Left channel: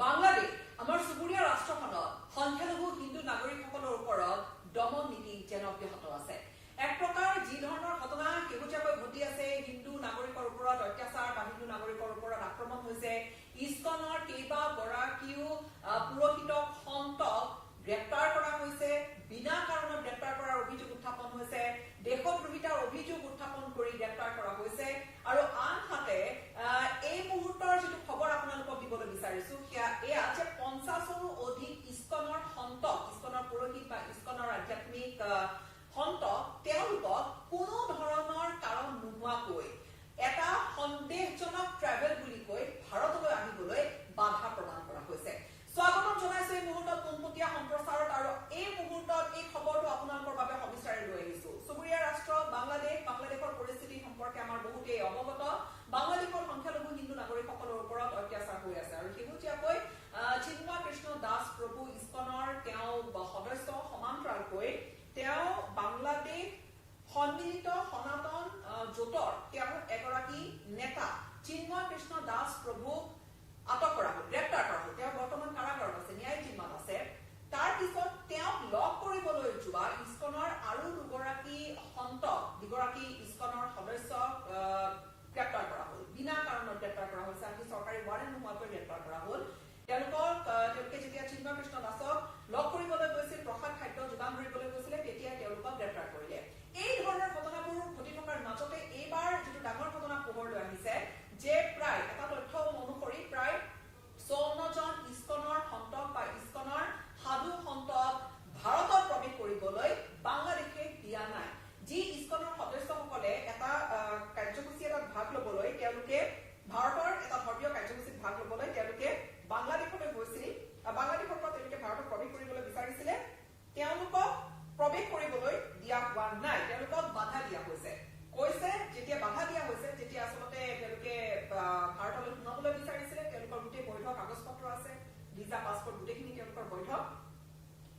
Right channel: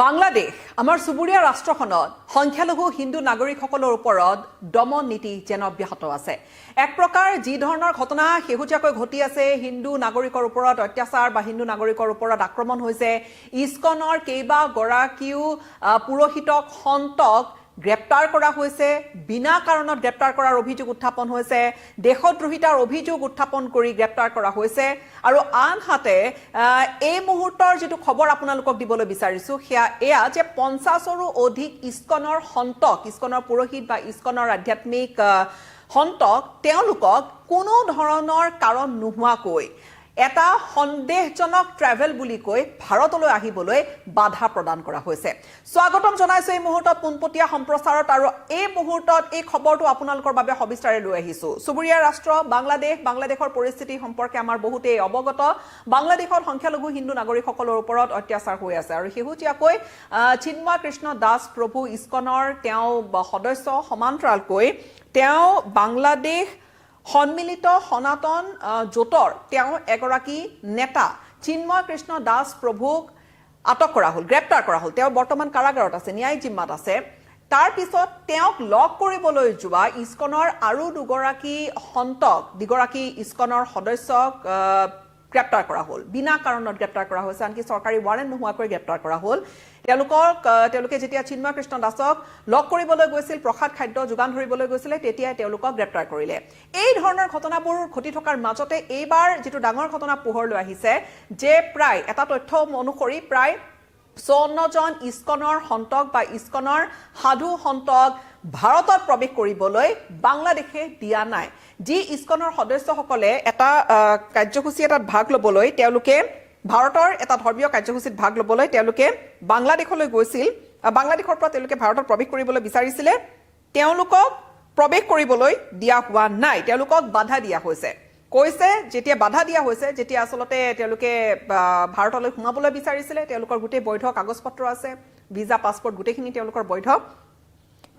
বাংলাদেশ আমাৰ চুবুৰীয়া ৰাষ্ট্ৰখনত সংখ্যালঘু হিন্দু নাগৰিকসকলৰ ওপৰত দমন নীতি যেন অব্যাহত আছে। এক প্ৰকাৰ যি ধৰণৰ ঘটনা শেহতীয়াকৈ ঘটি আছে, হিন্দু নাগৰিকৰ ওপৰত অত্যাচাৰ বা হিন্দু নাগৰিকৰ ওপৰত আক্ৰমণ হৈছে, ইস্কনৰ কেইবাগৰাকীও পুৰোহিতক সন্তক গ্ৰেপ্তাৰ কৰা হৈছে, বিনা কাৰণত গ্ৰেপ্তাৰ কৰাৰ অভিযোগ উত্থাপন হৈছে, দেশদ্ৰোহিতাৰ অভিযোগ উত্থাপন কৰি গ্ৰেপ্তাৰ কৰা হৈছে। আৰু আনহাতে এই মুহূৰ্তৰ যিটো খবৰ আপোনালোকক দিবলৈ বিচাৰিছো এয়া যে 50ৰো অধিক ইস্কনৰ সন্তক, ইস্কনৰ পুৰোহিত বা ইস্কনৰ আধ্যাত্মিক সন্তক তেওঁলোকক কোনো ধৰণৰ কাৰণ নোহোৱাকৈ এটা সন্দেহজনক ট্ৰেভেল বুলি কৈ ভাৰতলৈ আহিবলৈ বাধা প্ৰদান কৰা হৈছে। স্বাগতম জনাইছো এই মুহূৰ্তত পোনপটীয়া সম্প্ৰচাৰত, আৰু এই মুহূৰ্তত এই খবৰটো আপোনালোকৰ বাবে সবিস্তাৰে লৈ আহিছো। চুবুৰীয়া ৰাষ্ট্ৰ বাংলাদেশৰ পৰিস্থিতি সম্পৰ্কে আমাৰ বহুতেই অৱগত। বাংলাদেশত সংখ্যালঘু হিন্দু নাগৰিকসকলৰ ওপৰত অত্যাচাৰ হৈ আছে, আৰু শেহতীয়াকৈ চিন্ময় কৃষ্ণ দাস প্ৰভু ইস্কনৰ তেওঁ সদস্য সমান্তৰালকৈ তেওঁ বাংলাদেশ সন্মিলিত সনাতন জোঁটৰ তেওঁ এগৰাকী নেতা চিন্ময় কৃষ্ণ দাস প্ৰভুক আটক কৰা হ'ল, গ্ৰেপ্তাৰ কৰা হ'ল। তেওঁ বৰ্তমান কাৰাগাৰত আছে, ন্যায়িক জিম্মাত আছে। তাৰ পিছত তেওঁক লগ কৰিবলৈ যোৱা ইস্কনৰ আৰু দুগৰাকী ইস্কনৰ সদস্যক গ্ৰেপ্তাৰ কৰা হ'ল, বিনা কাৰণত গ্ৰেপ্তাৰ কৰা হৈছে, আনকি চৰকাৰী ৱাৰেণ্ট নোহোৱাকৈ গ্ৰেপ্তাৰ কৰা হ'ল। তেওঁলোকে যেতিয়া চিন্ময় কৃষ্ণ দাসক লগ কৰিবলৈ গৈছিল, প্ৰসাদ খাদ্য যোগান ধৰিবলৈ গৈছিলে, তেতিয়াই তেওঁলোকক গ্ৰেপ্তাৰ কৰিলে। এই ধৰণৰ ঘটনাবোৰ ঘটি থকাৰ মাজতে এইবাৰ যিটো ডাঙৰ ঘটনা পোহৰলৈ আহিছে যে প্ৰায় এটা তথ্য অনুসৰি প্ৰায় 54জন ইস্কনৰ সন্তক বা ইস্কনৰ সাধু সন্তক ভাৰতত প্ৰৱেশ কৰিবলৈ বাংলাদেশে দিয়া নাই। যি ইস্কনৰ সদস্যসকলে এটা কাৰ্যসূচী এটাত ভাগ ল'বলৈ, তেওঁলোকে ভাৰতৰ এটা ধৰ্মীয় কাৰ্যসূচীত ভাগ ল'বলৈ তেওঁলোকে বাংলাদেশলৈ গৈছিল, বাংলাদেশৰ পৰা তেওঁলোকে ভাৰতত প্ৰৱেশ কৰিবলৈ বিচাৰিছিলে, তেওঁলোকক প্ৰৱেশ কৰিবলৈ দিয়া হোৱা নাই, তেওঁলোকক বাধা দিয়া হৈছে। কৈছে যেতিয়া বাধা দিয়া হৈছে, যেতিয়া আচলতে তেওঁলোকে ভাৰতলৈ সোমাবলৈ বিচাৰিছিলে, তেওঁলোকৰ গোটেই বৈধ কাগজ পত্ৰ আছে, ভিজা পাছপৰ্ট গোটেইখিনি তেওঁলোকৰ বৈধ,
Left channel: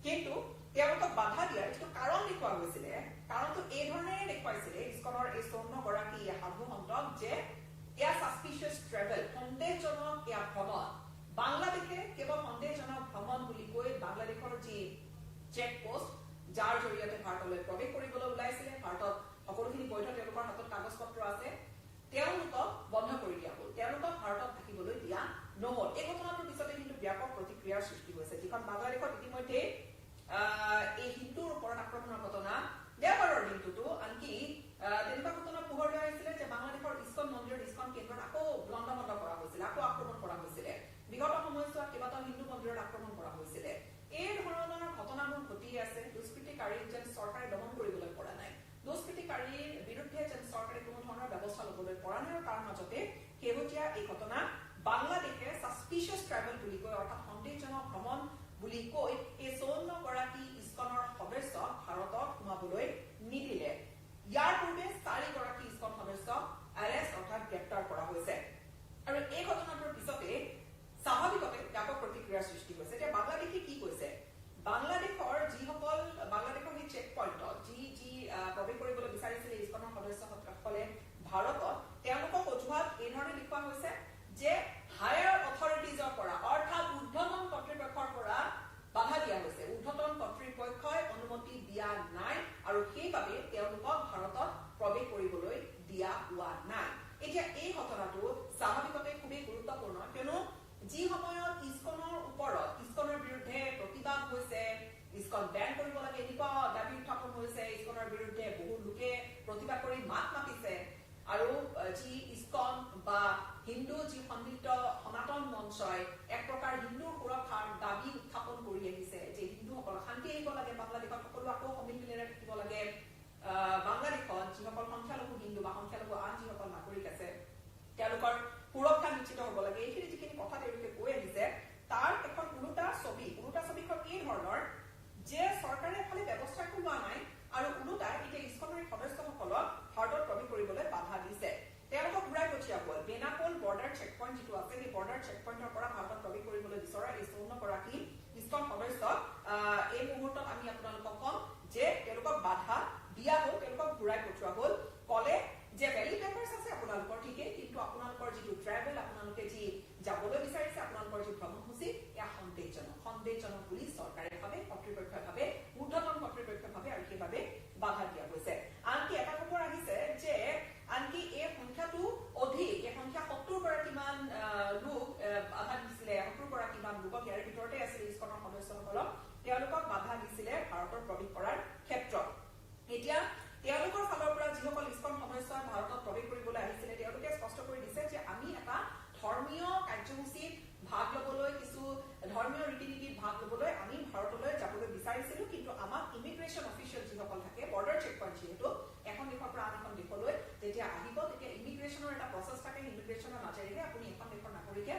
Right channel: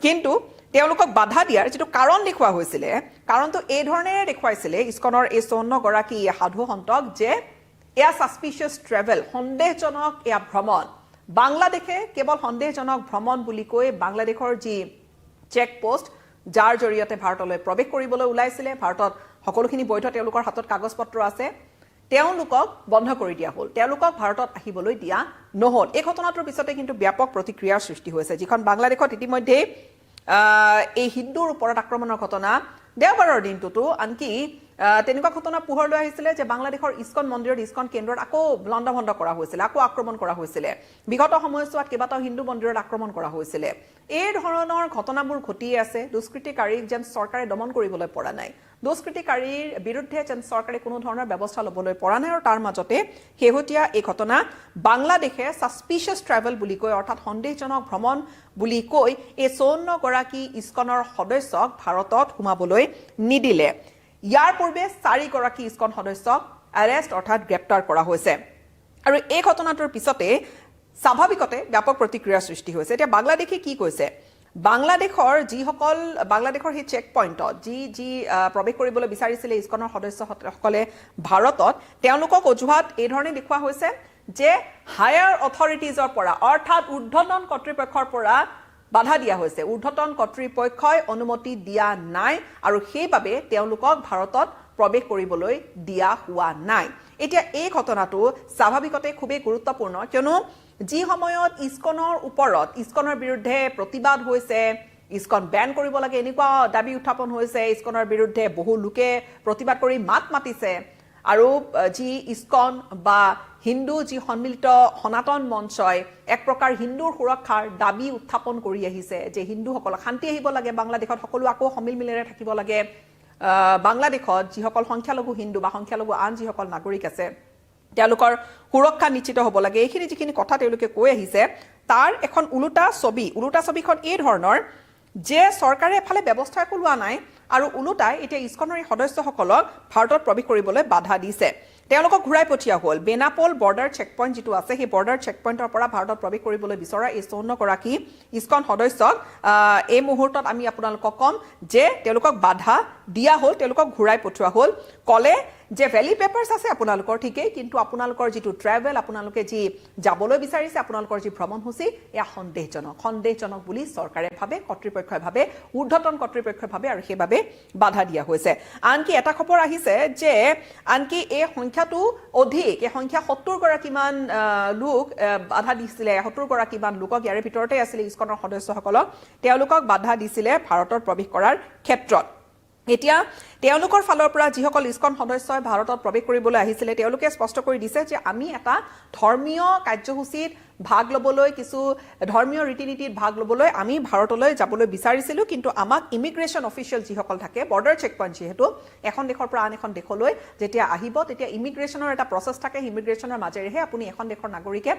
কিন্তু তেওঁলোকক বাধা দিয়াৰ যিটো কাৰণ দেখুওৱা হৈছিলে, কাৰণটো এই ধৰণেৰে দেখুৱাইছিলে ইস্কনৰ এই 54গৰাকী সাধু সন্তক যে এয়া ছাছপিচিয়াছ ট্ৰেভেল, সন্দেহজনক এয়া ভ্ৰমণ। বাংলাদেশে কেৱল সন্দেহজনক ভ্ৰমণ বুলি কৈ বাংলাদেশৰ যি চেকপোষ্ট যাৰ জৰিয়তে ভাৰতলৈ প্ৰৱেশ কৰিবলৈ ওলাইছিলে, ভাৰতত সকলোখিনি বৈধ তেওঁলোকৰ হাতত কাগজ পত্ৰ আছে, তেওঁলোকক বন্ধ কৰি দিয়া হ'ল, তেওঁলোকক ভাৰতত আহিবলৈ দিয়া নহ'ল। এই ঘটনাটোৰ পিছতে কিন্তু ব্যাপক প্ৰতিক্ৰিয়াৰ সৃষ্টি হৈছে, যিখন বাংলাদেশত ইতিমধ্যেই এই হিন্দুৰ ওপৰত আক্ৰমণৰ ঘটনা দেওবাৰৰ দিনটোতো আনকি তেনেকুৱা ঘটনা পোহৰলৈ আহিছিলে যে বাংলাদেশৰ ইস্কন মন্দিৰত, ইস্কন কেন্দ্ৰত আকৌ লণ্ডভণ্ড কৰা হৈছিলে, আকৌ আক্ৰমণ কৰা হৈছিলে। বিগত সময়ছোৱাত কেইবাটাও হিন্দু মন্দিৰত আক্ৰমণ কৰা হৈছিলে। এই ধৰণৰ ঘটনাবোৰ ঘটিয়ে আছে। দুষ্কৃতিকাৰীক যেন চৰকাৰে দমন কৰিবলৈ পৰা নাই, দুষ্কৃতিকাৰীৰ বিৰুদ্ধে যেন চৰকাৰে কোনো ধৰণৰ ব্যৱস্থা ল'বলৈ পৰা নাই। আৰু তাৰ মাজতে শেহতীয়া এই ঘটনা বাংলাদেশে ছাছপিচিয়াছ ট্ৰেভেল বুলি কৈ, অৰ্থাৎ সন্দেহজনক ভ্ৰমণ বুলি কৈ এই 54গৰাকী ইস্কনৰ সদস্যক ভাৰতত সোমাবলৈ নিদিলে। ইয়াৰ পূৰ্বে 4গৰাকী ইস্কন সদস্যক এৰেষ্ট অৰ্থাৎ গ্ৰেপ্তাৰ কৰা হৈছে। আৰু এই ঘটনাটোৰ পিছতে স্বাভাৱিকতে ব্যাপক প্ৰতিক্ৰিয়াৰ সৃষ্টি হৈছে। এতিয়া বাংলাদেশে কি কৈছে, বাংলাদেশৰ সেই চেক পইণ্টত যি প্ৰৱেশ কৰিবলৈ বিচাৰিছিলে ইস্কনৰ সদস্যসকলে ভাৰতত, তেওঁলোকক অজুহাত এই ধৰণে দেখুওৱা হৈছে যে হায়াৰ অথৰিটিজৰ পৰা, অৰ্থাৎ ঊৰ্ধ্বতন কৰ্তৃপক্ষৰ পৰা বাধা দিয়া হৈছে, ঊৰ্ধ্বতন কৰ্তৃপক্ষই অনুমতি দিয়া নাই, আৰু সেইবাবে তেওঁলোকক ভাৰতত প্ৰৱেশ কৰিবলৈ দিয়া হোৱা নাই। এতিয়া এই ঘটনাটো স্বাভাৱিকতে খুবেই গুৰুত্বপূৰ্ণ, কিয়নো যি সময়ত ইস্কনৰ ওপৰত, ইস্কনৰ বিৰুদ্ধে প্ৰতিবাদ হৈছে, ইস্কন বেন কৰিব লাগে এনেকুৱা দাবী উত্থাপন হৈছে, ইস্কনৰ বিৰুদ্ধে বহু লোকে প্ৰতিবাদ কৰি মাত মাতিছে, আৰু যি ইস্কন বা হিন্দু যি সন্মিলিত সনাতন মঞ্চই এক প্ৰকাৰ হিন্দুৰ সুৰক্ষাৰ দাবী উত্থাপন কৰি আহিছে যে হিন্দুসকলক শান্তি আহিব লাগে, বাংলাদেশত সকলো আকৌ সমিল মিলেৰে থাকিব লাগে, বাংলাদেশত যিসকল সংখ্যালঘু হিন্দু বা সংখ্যালঘু আন যিসকল নাগৰিক আছে তেওঁলোকৰ সুৰক্ষা নিশ্চিত হ'ব লাগে, এইখিনি যিখিনি কথা তেওঁলোকে কৈ আহিছে তাৰ এখন ওলোটা ছবিখন এই ধৰণৰ যে চৰকাৰে এফালে ব্যৱস্থা একো লোৱা নাই, আৰু ওলোটাই এতিয়া ইস্কনৰ এই সদস্যসকলক ভাৰতত প্ৰৱেশ কৰিবলৈ বাধা দিছে। তেওঁলোকক ঘূৰাই পঠিওৱা হ'ল বেনাপোল বৰ্ডাৰ চেকপইণ্ট যিটো আছে, সেই বৰ্ডাৰ চেকপইণ্টৰ পৰা ভাৰতত প্ৰৱেশ কৰিবলৈ বিচৰা এই 54গৰাকী ইস্কন সদস্যক এই মুহূৰ্তত আমি আপোনালোকক ক'ম যে তেওঁলোকক বাধা দিয়া হ'ল, তেওঁলোকক ঘূৰাই পঠিওৱা হ'ল। ক'লে যে ভ্যালিড পেপাৰছ আছে আপোনালোকৰ ঠিকেই কিন্তু আপোনালোকৰ যেটো ট্ৰেভেল আপোনালোকে যি যাবলৈ বিচাৰিছে আপোনালোকৰ যি ভ্ৰমণসূচী এয়া সন্দেহজনক বুলি চৰকাৰে ভাবে কৰ্তৃপক্ষই ভাবে ঊৰ্ধ্বতন কৰ্তৃপক্ষই ভাবে আৰু সেইবাবে বাধা দিয়া হৈছে আনকি এটা খবৰ আহিছে যে আনকি এই সংখ্যাটো অধিক এই সংখ্যা 70 গৰাকীমান লোক বাধা দিছিলে 70 গৰাকীমান লোকক ইয়াৰ ভিতৰতে আছিল ইস্কনৰ সদস্যসকলক তেওঁলোকক বাধা দিছিলে ভাৰতত প্ৰৱেশ কৰাৰ ক্ষেত্ৰত এতিয়া তেওঁলোকৰ ফালৰ পৰা যিসকল ইস্কন সদস্যই ভাৰতত প্ৰৱেশ কৰিবলৈ আহিছিল তেওঁলোকে স্পষ্ট কৰি দিছে যে আমি এটা ধৰ্মীয় কাৰ্যসূচীত ভাগ লবলৈ কিছু ধৰ্মীয় ৰীতি-নীতিত ভাগ লবলৈ আমি ভাৰতলৈ যাবলৈ বিচাৰিছিলো কিন্তু আমাক ইমিগ্ৰেশ্যন অফিচিয়েল যিসকল থাকে বৰ্ডাৰ চেক পইণ্ট যেহেতু এখন দেশৰ পৰা আন এখন দেশলৈ যেতিয়া আহিব তেতিয়া ইমিগ্ৰেশ্যনৰ এটা প্ৰচেছ থাকে ইমিগ্ৰেশ্যনৰ মাজেৰেহে আপুনি এখন দেশৰ নাগৰিকে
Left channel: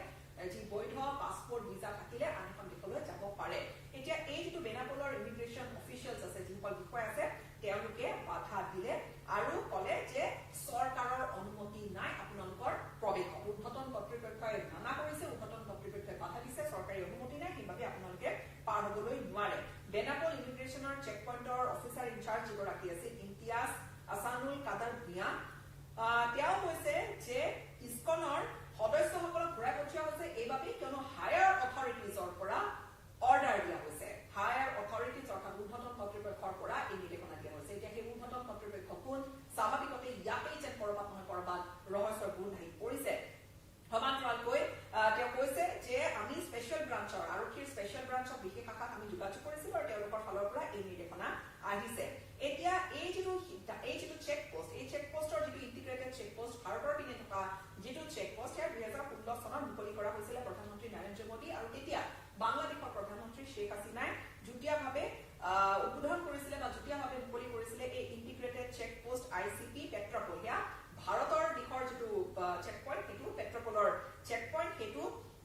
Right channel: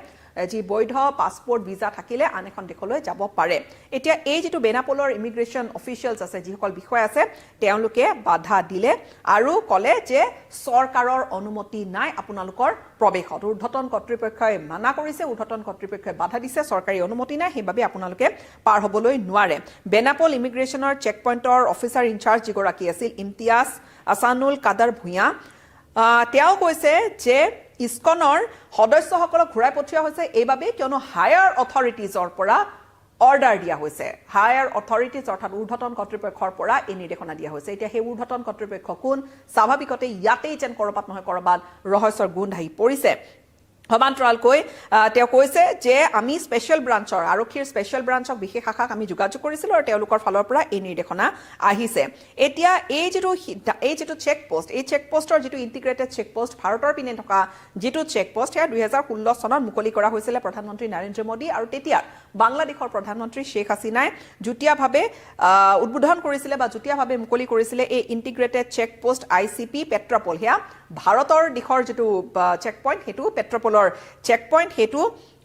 যি বৈধ পাছপোৰ্ট ভিসা থাকিলে আন এখন দেশলৈ যাব পাৰে এতিয়া এই যেটো বেনাপোলৰ ইমিগ্ৰেশ্যন অফিচিয়েলছ আছে যিসকল বিষয় আছে তেওঁলোকে বাধা দিলে আৰু কলে যে চৰকাৰৰ অনুমতি নাই আপোনালোকৰ প্ৰৱেশত ঊৰ্ধ্বতন কৰ্তৃপক্ষই মানা কৰিছে ঊৰ্ধ্বতন কৰ্তৃপক্ষই বাধা দিছে চৰকাৰী অনুমতি নাই সেইবাবে আপোনালোকে পাৰ হ'বলৈ নোৱাৰে বেনাপোল ইমিগ্ৰেশ্যনৰ চেক পইণ্টৰ অফিচাৰ ইনচাৰ্জ যিগৰাকী আছিল ইমতিয়াজ আসানুল কাদাৰ ভূঞা তেওঁ কৈছে যে ইস্কনৰ সদস্যসকলক ঘূৰাই পঠিওৱা হৈছে এইবাবে কিয়নো হায়াৰ অথৰিটিজৰ পৰা অৰ্ডাৰ দিয়া হৈছে হায়াৰ অথৰিটিজ অৰ্থাৎ ঊৰ্ধ্বতন কৰ্তৃপক্ষৰ পৰা এই নিৰ্দেশনা দিয়া হৈছে এতিয়া সেই ঊৰ্ধ্বতন কৰ্তৃপক্ষ কোন স্বাভাৱিকতে ইয়াতেই যেন কৰবাত নহয় কৰবাত ৰহস্যৰ গুণ আহি পৰিছে সমান্তৰালকৈ তেওঁ কৈছে যে আমি স্পেশাল ব্ৰাঞ্চৰ আৰক্ষীৰ স্পেশাল ব্ৰাঞ্চক বিশেষ শাখাক আমি যোগাযোগ কৰিছিলো আৰু তেওঁলোকৰ ফালৰ পৰা এই নিৰ্দেশনা আহিছে এতিয়া এই যেটো চেক পোষ্ট এই চেক পোষ্টৰ যেটো ইন্টিগ্ৰেটেড চেক পোষ্ট ভাৰতৰ পিনে থকা যেটো চেক পোষ্ট হে 2016 চনত মুকলি কৰা হৈছিল প্ৰধানমন্ত্ৰী নৰেন্দ্ৰ মোদী আৰু তেতিয়া বাংলাদেশৰ প্ৰধানমন্ত্ৰী শেখ হাসিনাই যুটীয়াভাৱে উদ্বোধন কৰিছিল বা যুটীয়াভাৱে মুকলি কৰিছিল এই ইন্টিগ্ৰেটেড চেক পোষ্ট আইচিপি পেট্ৰাপল হেয়া ভাৰতৰ দিশৰ যেটো চেক পইণ্ট হেতু পেট্ৰাপলৰ চেক পইণ্ট হেতু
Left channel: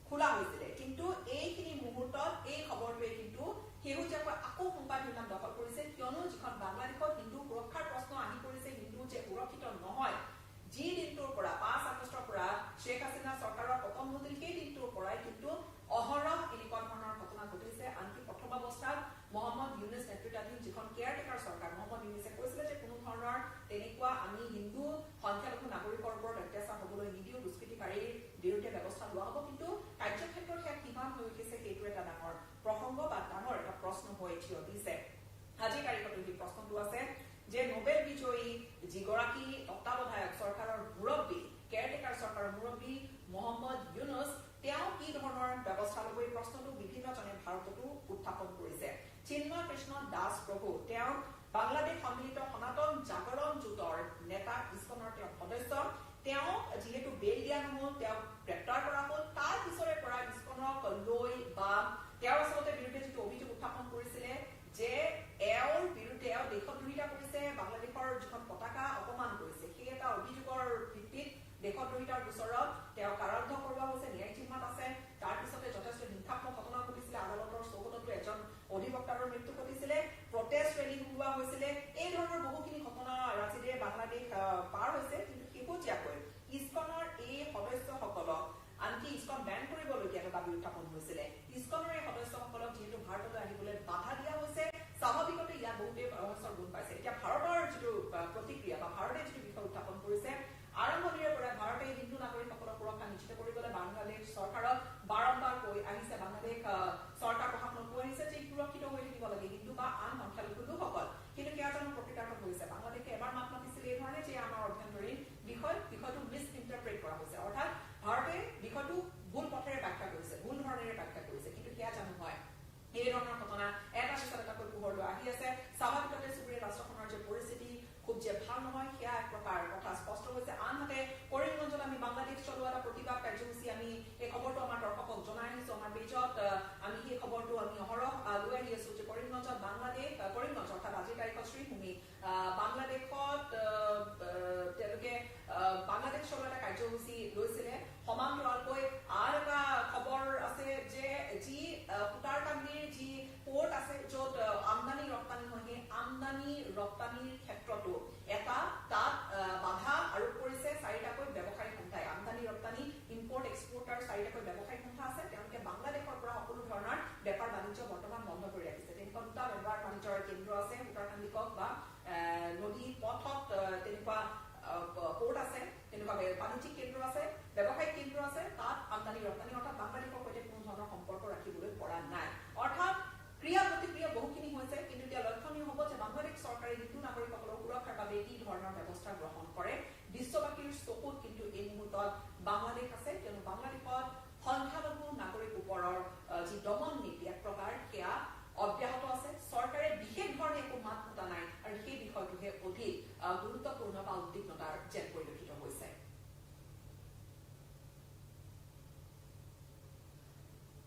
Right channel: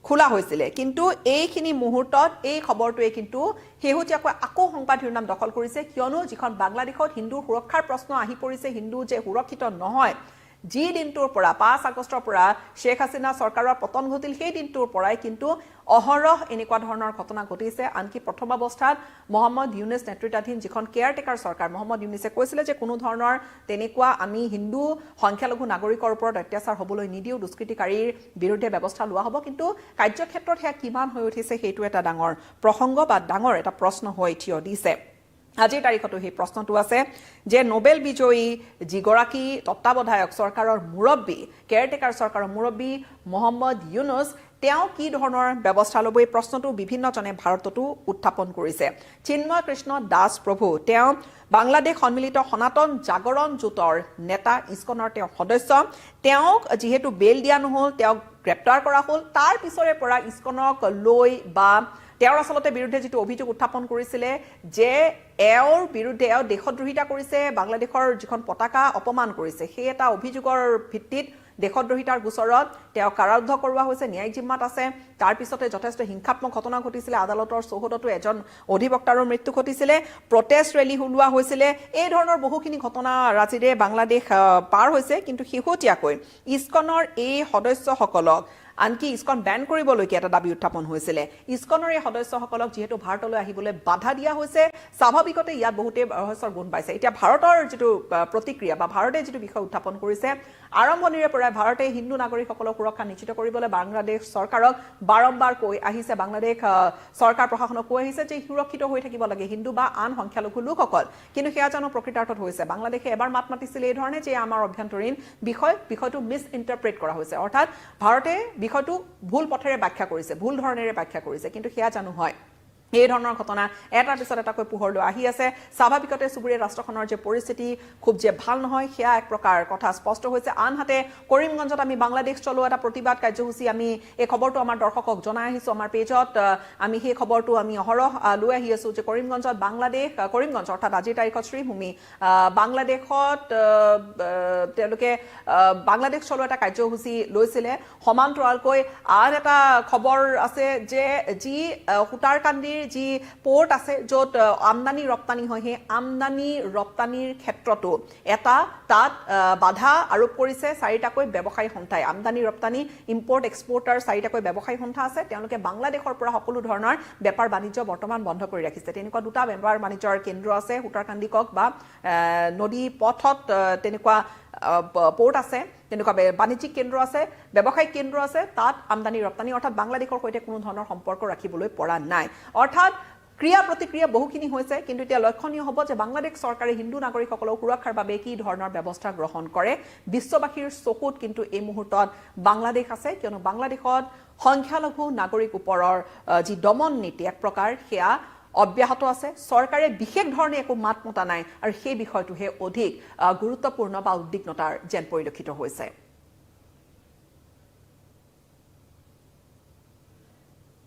খোলা হৈছিল কিন্তু এইখিনি মুহূৰ্তত এই খবৰটোৱে কিন্তু হেহুটিয়াকৈ আকৌ সংবাদ শিৰোনাম দখল কৰিছে কিয়নো যিখন বাংলাদেশত হিন্দু সুৰক্ষাৰ প্ৰশ্ন আহি পৰিছে হিন্দু যে সুৰক্ষিত নহয় যি দিনটোৰ পৰা 5 আগষ্টৰ পৰা শেখ হাসিনা চৰকাৰৰ পতন ঘটিল সেই দিনটোৰ পৰাই কিন্তু অহৰহ এনেকুৱা ধৰণৰ ঘটনা ঘটিছে আনকি প্ৰথম অৱস্থাত মোহাম্মদ ইউনুছ নেতৃত্বাধীন যিখন কেয়াৰটেকাৰ চৰকাৰ মোহাম্মদ ইউনুছে কৈছিল যে কোনো ধৰণৰ তেনেকুৱা আমি হিন্দু সংখ্যালঘু নাগৰিকৰ ওপৰত অত্যাচাৰ হ'বলৈ নিদিও দুষ্কৃতিকাৰীৰ বিৰুদ্ধে ব্যৱস্থা লোৱা হ'ব কিন্তু কাৰ্যক্ষেত্ৰত হেয়া কিমান হৈ উঠিছে সেইটো এটা ডাঙৰ প্ৰসংগ বা ডাঙৰ এটা প্ৰশ্ন হৈ থিয় দিছে আজিৰ তাৰিখতো সেই প্ৰশ্নটো আছে যে নোবেল বিজয়ী যিগৰাকী তত্ত্বাৱধায়ক চৰকাৰৰ মুৰব্বী কেয়াৰটেকাৰ চৰকাৰৰ মুৰব্বী মোহাম্মদ ইউনুছ তেওঁ কি ধৰণৰ ব্যৱস্থা ল'ব এই প্ৰশ্নটো বিভিন্নজনে ভাৰততো উত্থাপন কৰিছে চিন্ময় কৃষ্ণ দাস প্ৰভু তেওঁ বাংলাদেশ সন্মিলিত সনাতন জাগৰণ জোঁটৰ নেতা ইস্কনৰ তেওঁ সদস্য তেওঁক যিহেতু বেল দিয়া নহল তেওঁক গ্ৰেপ্তাৰ কৰা হ'ল তাৰ পিছৰে পৰা ইস্কনক লৈ বা তেওঁৰ আসলতে বিৰুদ্ধে যেটো অভিযোগ উত্থাপন কৰিছিল যে এওৰ বিৰুদ্ধে এও দেশদ্ৰোহিতা কৰিছে বাংলাদেশৰ যিখন পতাকা অপমান কৰিছে সেই এটা অভিযোগৰ ভিত্তিত দেশদ্ৰোহিতাৰ গোচৰত তেওঁ কাৰাৰুদ্ধ কৰোৱা হৈছে ন্যায়িক জিম্মাত আছে তাৰ পিছতে যথেষ্ট হিংসাত্মক ঘটনা ঘটিছিল আদালতৰ চৌহদতো এজন অধিবক্তাৰৰ মৃত্যু ঘটিছিল প্ৰটেষ্ট ৰেলী ওলোৱা হৈছিল এই ধৰণৰ বহুখিনি ঘটনা ৰাজিৰে বাংলাদেশ পাৰ হৈছে কিন্তু শেহতীয়াকৈ ইস্কনৰ এই সদস্যসকলক আনকি ইস্কন ব্যান কৰিবলৈকে এটা দাবী উত্থাপন হৈছিল ইস্কনৰ এই সদস্যসকলক যেহেতু ভাৰতলৈ আহিবলৈ বাধা দিয়া হৈছে স্বাভাৱিকতে ইয়াত বহুতে ৰহস্যৰ গুণ পাইছে এতিয়া ভাৰতৰ যেটো প্ৰতিক্ৰিয়া বা ভাৰতে যেটো বিষয় উত্থাপন কৰিছে আৰম্ভণিৰে পৰা ভাৰতে হিন্দু নাগৰিকসকলক সুৰক্ষা নিশ্চিত কৰিবলৈ বাংলাদেশ চৰকাৰক বাৰম্বাৰ কৈ আহিছে বাংলাদেশ চৰকাৰ প্ৰশাসনক কৈ আহিছে যে সুৰক্ষিত হৈ থাকিব লাগে হিন্দু বা আন সংখ্যালঘু লোকসকল কিন্তু সেয়া জানো প্ৰকৃতাৰ্থত হৈছে বাংলাদেশে এবাৰ মাত মাতিছিল এই ধৰণে যে আমাৰ অভ্যন্তৰীণ বিষয়টো মিস ইন্টাৰপ্ৰেট কৰা হৈছে অৰ্থাৎ ভাৰতে বিষয়টো ভুল পথেৰে ব্যাখ্যা কৰিছে ভুল ধৰণেৰে ব্যাখ্যা কৰিছে কিন্তু সেয়া জানো হয় এই ধৰণৰ ঘটনা এটাৰ পিছত এটাকৈ পোহৰলৈ আহি আছে স্বাভাৱিকতে চুবুৰীয়া ৰাষ্ট্ৰখনৰ যে পৰিস্থিতি খুব যে ভাল নহয় সেয়া এক প্ৰকাৰ কথা স্পষ্ট হৈছে আনহাতে কৰিমগঞ্জত আমি বাংলাদেশ চলোৱা এটা প্ৰতিবাদ কাৰ্যসূচী আমি এই খবৰটো আমাৰ দৰ্শকক জনাই আহিছো আমাৰ পেজত আমি সেই খবৰটো আমি অহৰহ লৈ আহি আছো যে কৰিমগঞ্জত কৰিমগঞ্জ অৰ্থাৎ আজিৰ তাৰিখত শ্ৰীভূমি বাংলাদেশত তেওঁলোকে বাংলাদেশ চলোৱা এটা কাৰ্যসূচী লৈছিলে সমান্তৰালকৈ আন এটা খবৰ আছে যে যি হুটাৰকান্দিৰ যি পোৰ্ট আছে য'ত আমদানি ৰপ্তানি হয় সেই আমদানি ৰপ্তানিৰ ক্ষেত্ৰতো এটা তাত বাধা আৰোপ কৰিছে চাৰিটাকৈ ব্যৱসায়ী সন্থাই আমদানি ৰপ্তানি ইম্পৰ্ট এক্সপৰ্টাৰ চাৰিটাকৈ ব্যৱসায়ী সন্থা আছে তেওঁলোকে বাংলাদেশৰ পৰা সকলো ধৰণৰ বেপাৰ বাণিজ্য বৰ্তমান বন্ধ কৰি ৰাখিছে তেনেকুৱা দুটা বেপাৰ বাণিজ্যৰ কেন্দ্ৰ আছে হুটাৰকান্দিকক বা নদী পথত তেনেকুৱা পোৰ্ট আছে, তেনেকুৱা বাণিজ্যিক কেন্দ্ৰ আছে, ব্যৱসায়িক কেন্দ্ৰ আছে, তাত আমদানি ৰপ্তানি অৰ্থাৎ বাংলাদেশৰ সৈতে কোনো ধৰণৰ সম্পৰ্ক ৰাখিবলৈ পৰা নাই। অৰ্থাৎ ক্ৰিয়া প্ৰতিক্ৰিয়া বহুখিনি হৈছে, কিন্তু এতিয়া লক্ষণীয় হ'ব যে বাংলাদেশ চৰকাৰে হিন্দু নাগৰিকসকলৰ সুৰক্ষাৰ বাবে কি ধৰণৰ ব্যৱস্থা গ্ৰহণ কৰে। বিশ্ববাসীৰ চকুত কিন্তু এই মুহূৰ্তত বাংলাদেশ আছে, কিয়নো বাংলাদেশত সংখ্যালঘু নাগৰিক ওপৰৰ যি দমন নীতি এক প্ৰকাৰ সেয়া অব্যাহত আছে। চৰকাৰে বিশেষ ধৰণে একো মাত মতা নাই, আৰু সেই বিষয়টোহে অধিক গুৰুত্বপূৰ্ণ বা উদ্বিগ্নতাৰ যেন পৰিলক্ষিত হৈছে।